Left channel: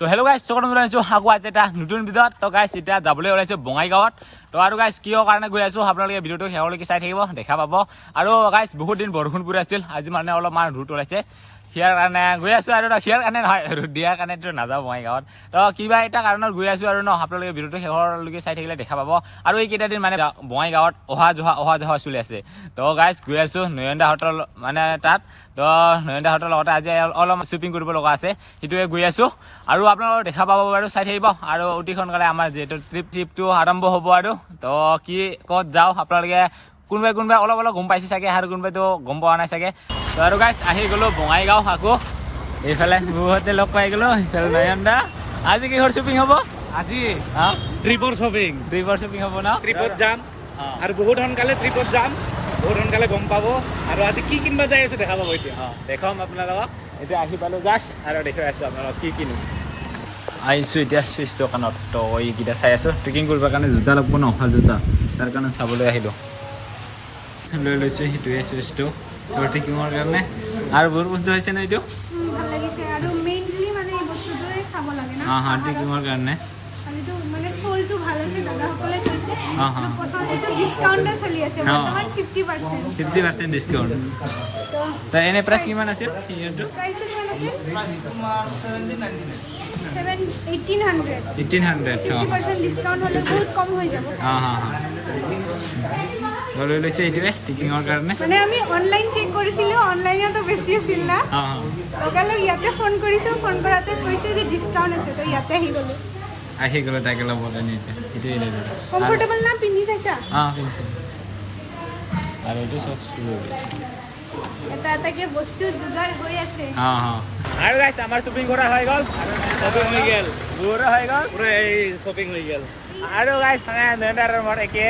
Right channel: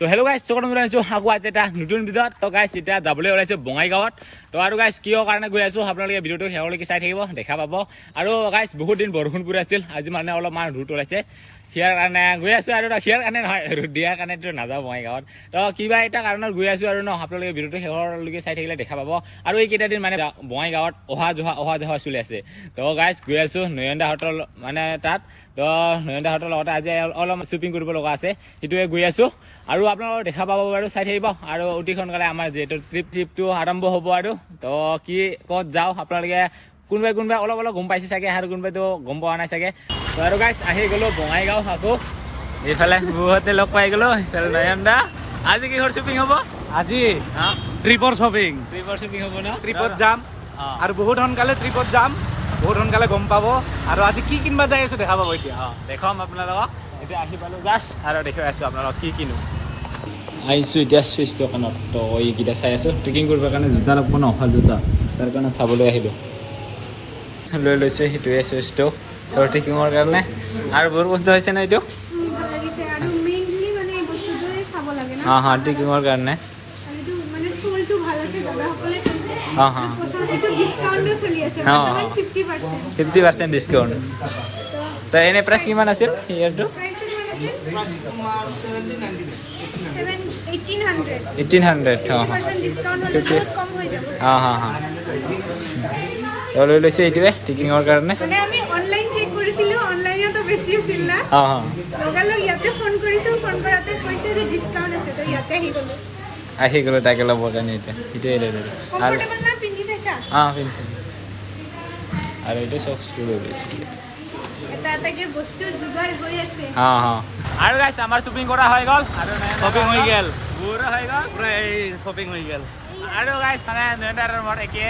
তো hello' guys চকত ওলাইছোঁ আকৌ আজি এটা নতুন ভিডিঅ'ত। তো গাইজ এতিয়া যাবলৈ ওলাইছোঁ বঙাইগাঁৱত। তো আৰু গাইজ কিয় কাৰণে গৈ আছোঁ আপোনালোকে ভিডিঅ'টো শেষলৈকে চাই থাকিব, দেখা পাব। আৰু গাইজ বহুত দিন বৰষুণ পৰি আছিল, আজি মানে অলপমান ৰ'দ ওলাইছে, সিয়াৰ কাৰণে গৈ আছোঁ। আৰু সিয়াৰ কাৰণে নহয়, ৰ'দ দিয়াৰ কাৰণেতো নাযাওঁ বঙাইগাঁৱত। তো কিবা এটা কাৰণত গৈ আছোঁ আৰু আপোনালোকে ভিডিঅ'টো শেষলৈকে চাই থাকিলে দেখা পাব। আৰু এইকেইটা দিন মানে বঙাইগাঁৱত অহা যোৱা চলি আছে। তো গাইজ গৈ আছোঁ নয়নদাহঁতৰ মানে তাত। তো নয়নদাহঁতৰ লগতে আজি অলপমান শ্বপিং কৰিব লগা আছে, সেইটোৱে গৈ আছোঁ। আৰু আপোনালোকক দেখা পাব বাৰু, চাই থাকিব। আৰু অতি সোনকালে আমাৰ যিহেতু ট্ৰিপটো আৰম্ভ হ'ব। আৰু তো কি ক'ত যাওঁ আপোনালোকে কোনোবাই অলপ গম পাইছে চাগে, আৰু কোনোবাইতো গম পোৱা নাই চাগে। তো আৰু গাইজ আহি গ'লোঁ বঙাইগাঁও আকৌ। এইফালে বহুতে লগ পাই গ'লোঁ, এইফালে নয়নদা। আজি কিহৰ শ্বপিং হ'ব? আজি ট্ৰিপৰ শ্বপিং হ'ব ন? ট্ৰিপত যাম আৰু বহুত সোনকালে ট্ৰিপত যাম, বহুত সোনকালে গম পাব। আৰু আজি কি কিনিব যাই আছোঁ দেখা পাব এতিয়া। দেখাম আপোনালোকক। এতিয়া আহি পালোঁ জাষ্ট, আৰু দেখুৱাই আছোঁ আপোনালোকক কি কিনো। আহিছোঁ এতিয়া চুইচ দোকানত। তো এইকেইটা চাই আছোঁ, ট্ৰেকিং কৰিবৰ কাৰণে জোতা লাগব ন, ভাল জোতা, তাৰ কাৰণে চাবলৈ আহিলোঁ। লৈ লৈছোঁ সেইটোৱে চুইচটো ট্ৰেকিঙৰ কাৰণে। আৰু বহুত বস্তু হৈছে ন এইটো, ট্ৰেকিঙৰ কাৰণে। অঁ 50% ডিছকাউণ্ট। তো এনে প্ৰাইচ কিমান আছিল ইয়াৰটো? 1800। লৈ লৈছোঁ এইটোৱে ট্ৰেকিঙৰ কাৰণে। আহি গ'লোঁ তাকে ল'বৰ কাৰণে এতিয়া সেইটোৱে লৈ ল'লোঁ। পিন্ধিছোঁ। আৰু এইটো চক্সটো লৈ লৈছোঁ। আৰু গাইছ আমাৰ শ্বপিং কৰা হৈ গ'ল, শ্বপিং হৈ গ'ল, বহুতো হৈ গ'ল, পুৰা এই শ্বপিং হৈ গ'ল। আৰু গাইছ মানে নয়নদাৰ মোৰ একে,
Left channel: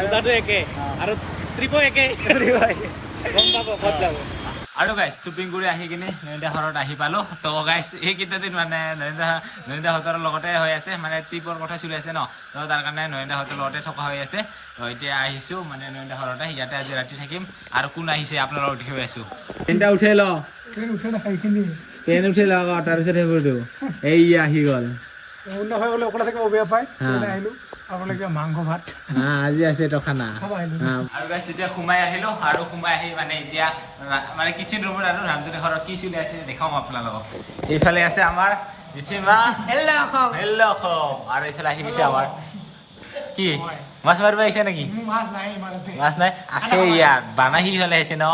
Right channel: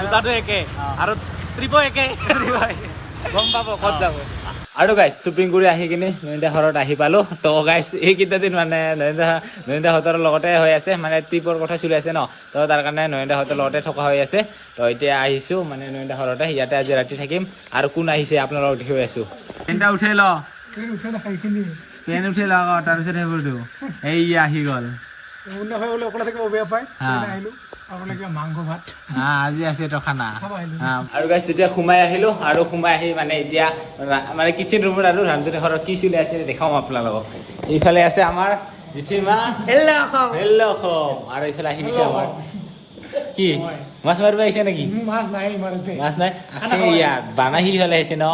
জোতাটো একে আৰু ট্ৰিপো একে, গম পাব ক'ত যাব। আৰু গাইছ শ্বপিং কৰি আহি কিনে নয়নদা ঘৰত আহি পালোঁ। তো গাইছ এইকেইটা দিন মানে নয়নদাহঁতৰ লগতে হৈ আছে, মানে ট্ৰিপৰ কথা চলি আছে ন। তো তাৰ কাৰণে নয়নদাহঁতৰ লগতে থকা হৈ আছে। তো এতিয়া আহিছোঁ মানে নয়নদা ঘৰতে, ইয়াতে আজি ৰাতি থাকিম। আৰু কোন আহিছে আপোনালোকক দেখুৱাই আছোঁ। পেনটা উঠাই ল, পেন উঠাই ল আকৌ, তাৰপিছত সেইবোৰটো এই আহি গ'ল। মাংস ভাত আজি আছে তো খানা। আৰু গাইছ যেতিয়া সোমাই আহিলোঁ, আৰু সোমাই আহি মানে এতিয়া মানে কিচেন ৰুমত আৰু ৰান্ধনী ঘৰত কি চলি আছে দেখাওঁ আপোনালোকক। এইফালে আছে আমাৰ জেঠীমা, হেল্ল' অসম। আৰু এইফালে আহি গৈছে আমাৰ কি মাছ মাৰিব আহিছে নেকি? মাছ নাই আছে ইয়াত, বানাহী ইফালে আহিছে ন।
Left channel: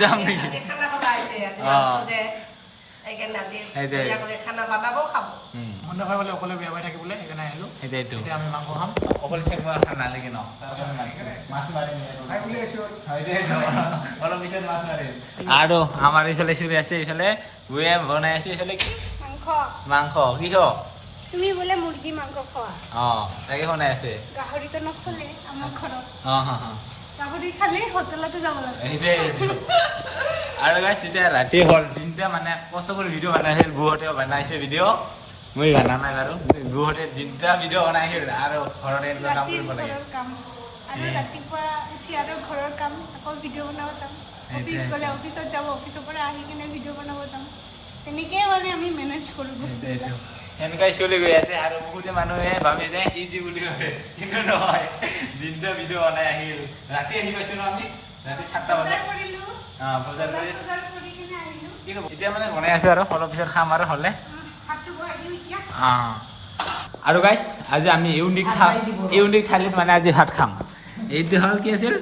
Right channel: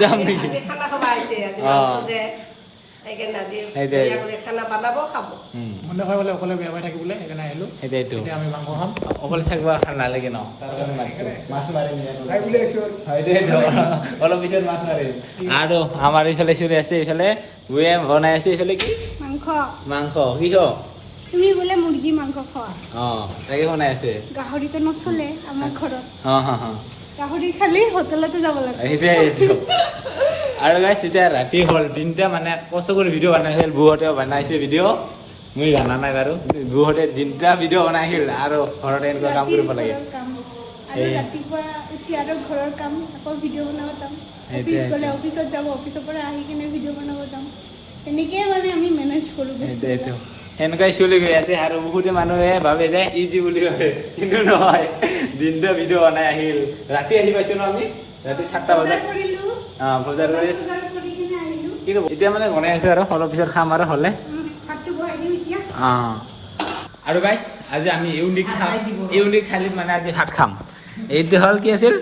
যাম নেকি? অকলে বেয়া পাই থাকিবলৈ সেইকাৰণে আহিলোঁ। সেইটোৱেইটো আমি মাংস খাম, অকলে থাকিব নালাগে ন, তাৰ কাৰণে মাছ মাৰিম অলপ পিছত মাছ মাৰিম। আৰু আমাৰ এইফালে চলি আছে, এইফালে বুঢ়ে বনাই আছে। এইফালে কি মাংস কি তাকে বনাই আছে। গাহৰিটো নচলে আমাৰ ঘৰত, অঁ গাহৰি খালি হোটেলতে যাব লাগে। আৰু গাইছ এতিয়া ৰাতি হ'ল, দিনটা মানে কষ্ট কৰি ভিডিঅ' বনাইছিল, বুহঁতে বনাইছে ভিডিঅ', মই জানা নাই বাৰু। বুহঁতে দিনটা ভিডিঅ' বনাইছিল আৰু ঘৰতে এনেকুৱা কাম কৰিব লাগে। আৰু ৰাতিপুৱা উঠি আৰু ঘৰৰ কাম, আকৌ ভিডিঅ' বনাব যাম। অফিচ গ'লে অফিচত যাব, অফিচৰ পৰা আহি কিনে ভিডিঅ' বনাব যাম। তেনেকেই মানে আমি মেনেজ কৰোঁ বস্তুবিলাক। সেনেকুৱাই চলি গৈ আছে। আৰু বহুতে মানুহে ভাবে যে ইজি বুলি ভাবে, কিন্তু নহয়, দিনটা ভিডিঅ' বনাই আহিল। ৰাতি আহি পাইছোঁ ন আমি, ৰাতি 7টা বজাত বজাৰ কৰি এতিয়া মানে বনাই আছোঁ। আৰু অলপ পিছত খাম আৰু হ'লে। আৰু গাইছ আজি আমি ইউনিক থালিত মানে আজি ভাত খাম। এইটো হ'ল কি আছিল?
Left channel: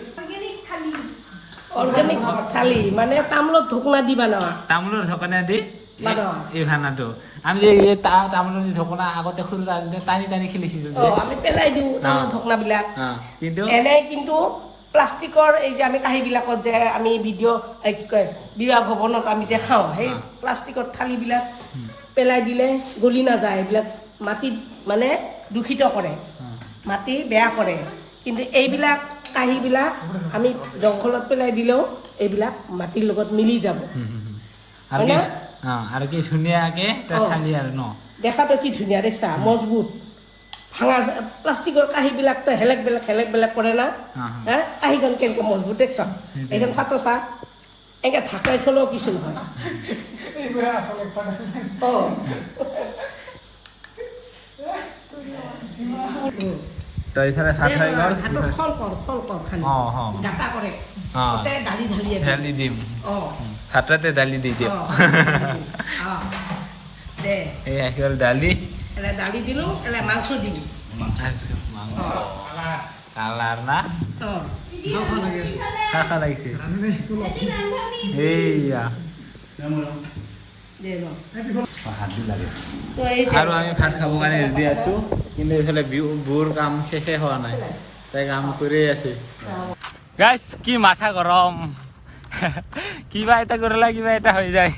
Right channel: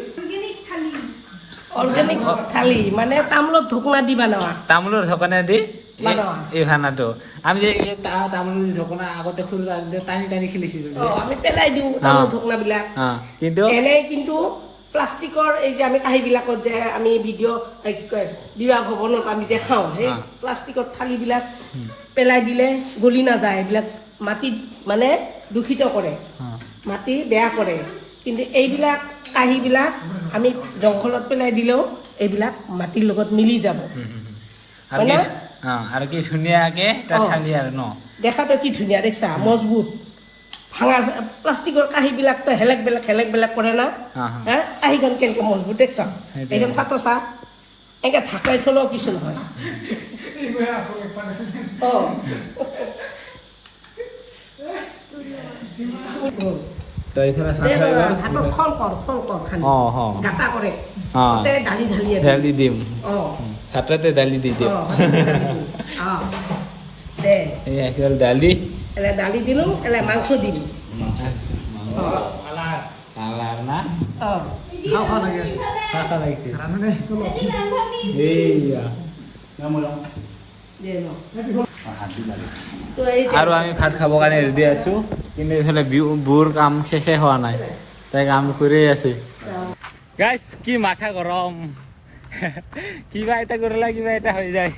তামোলৰ ঢকনা দি এই ভানাটো আমি যে তামোলৰ ঢকনা আগতে সৰু টানি খেলিছিলোঁ, কিন্তু প্লাষ্টিকৰ এই যে আমি কাঁহীবিলাকত যে আমি ভিডিঅ' কি কয় বিবাহ ভৱনত আমি যে খাওঁ, সেই প্লাষ্টিকৰ থালিবিলাক পেলাই দিলে গলি নাযায়। এইবিলাক মাটিত মানে দূষিত কৰে, মাটি বেয়া কৰে। কিন্তু এইবিলাক কাঁহীবিলাক আমি জংঘলত পেলাই দিলেও এইবিলাক মাটিৰ লগত মিলি যাব। আৰু কি ধুনীয়াকে থালি আৰু ন, দেখাটো কি ধুনীয়া দেখছা, মজবুত। ভাঙা প্লাষ্টিকৰ কাঁহীবিলাকতো হেলেক বেলেগ কৰে না, কাঁহীখন কেনেকৈ মজবুত দেখছ, এইখন চাটো চা, এনেকৈ ঢাকাই থলেও কিছু নহয়। তো এইফালে ভাত হৈ গ'ল ভাতত খল কৰ খালি গাটা কৰে তাতে দালি ঢালি দালি দিম অঁ ভাততে দালি দি দিম অঁ দে এই আহি গ'ল দালি এলে দালি দিলোঁ এলে মাংস দিলোঁ কালাৰ না অঁ খাওঁ লাগি আছে খাওঁ লাগিছে ৰান্ধনে এইয়া দে ন তো এই আৰু আমি ভাত খাবৰ কাৰণে ৰেডি আছো কিন্তু এইফালে বুৰ কাম শেষে হোৱা নাই তাই কাম কৰি আছে গাইছ কি মাথা গৰম কিবা এটা কৰিলে কিবা এটা হৈ যায়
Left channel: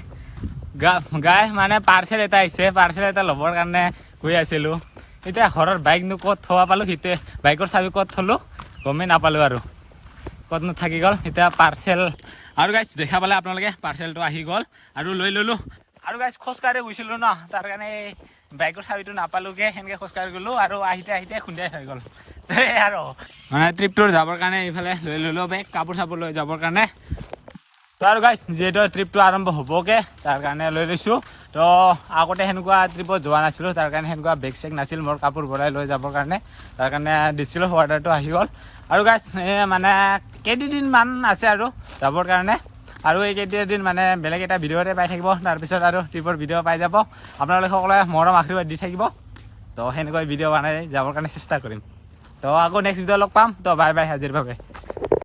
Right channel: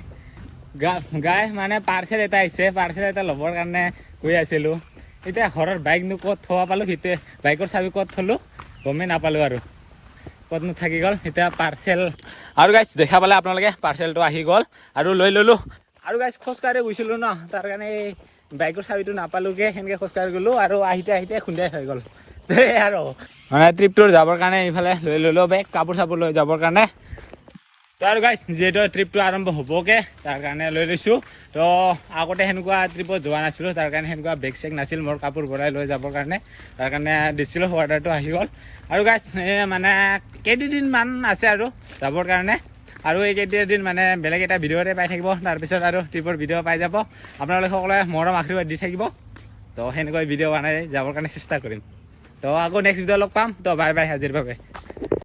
গাই মানে পাৰ্চেল এটা আহিছে পাৰ্চেল এটা ল'বৰ কাৰণে গৈ আছিলোঁ এতিয়া ঘৰৰ বাইকনো ক'ত থোৱা পালোঁ সেইটোৱে বাইকৰ চাবি ক'ত থলোঁ গমেই নাপালোঁ আৰু ক'তনো থাকি গ'ল এতিয়া পাৰ্চেল আৰু গাইছ দেখা পালে আপোনালোকে পাৰ্চেলটো আহি গ'ল আৰু লৈ ল'লোঁ আৰু গাইছ খোজকাঢ়ি গৈছিলোঁ ন তাৰ কাৰণে এই বাইকৰ চাবিটো নাপালোঁগৈ সেনেকৈ খোজকাঢ়ি গ'লোঁ আৰু আহিতে খুন্দিয়াই হৈ গ'ল আৰু মানে ট্ৰিপটোৰ যাবৰ কাৰণে এইফালে লৈ ল'লোঁ বেগ কাপোৰ চাপোৰ লৈ যাবৰ কাৰণে তো আৰু গাইছ যিহেতু ট্ৰিপটো আৰম্ভ হ'বগৈ তাৰ কাৰণে লৈ লৈছোঁ তো আগতে সেনেকুৱা ট্ৰিপত যোৱা নাছিলোঁ তাৰ কাৰণে সেনেকুৱা বেগ চেগ নাছিল মোৰ কাপোৰ ভৰাই লৈ যাবৰ কাৰণে তাৰ কাৰণে দিছিলোঁ অৰ্ডাৰটো আহি গ'ল আৰু গাইছ মানে কেইদিনমান আছে আৰু যাবৰ কাৰণে আৰু এই কেইদিন মানে বেলেগ এটা ভিডিঅ'তে পাই থাকিব তাৰপিছত আৰু ট্ৰিপৰ ভিডিঅ' পাই যাব আপোনালোকে সকলোৱে মৰম আশীৰ্বাদ দি থাকিব তো সেনেকৈ ভিডিঅ' বনাই যাবৰ কাৰণে চেষ্টা কৰিম তো আকৌ নেক্সট ভিডিঅ' লগ পাম তো বাই বাই আজিৰ বাবে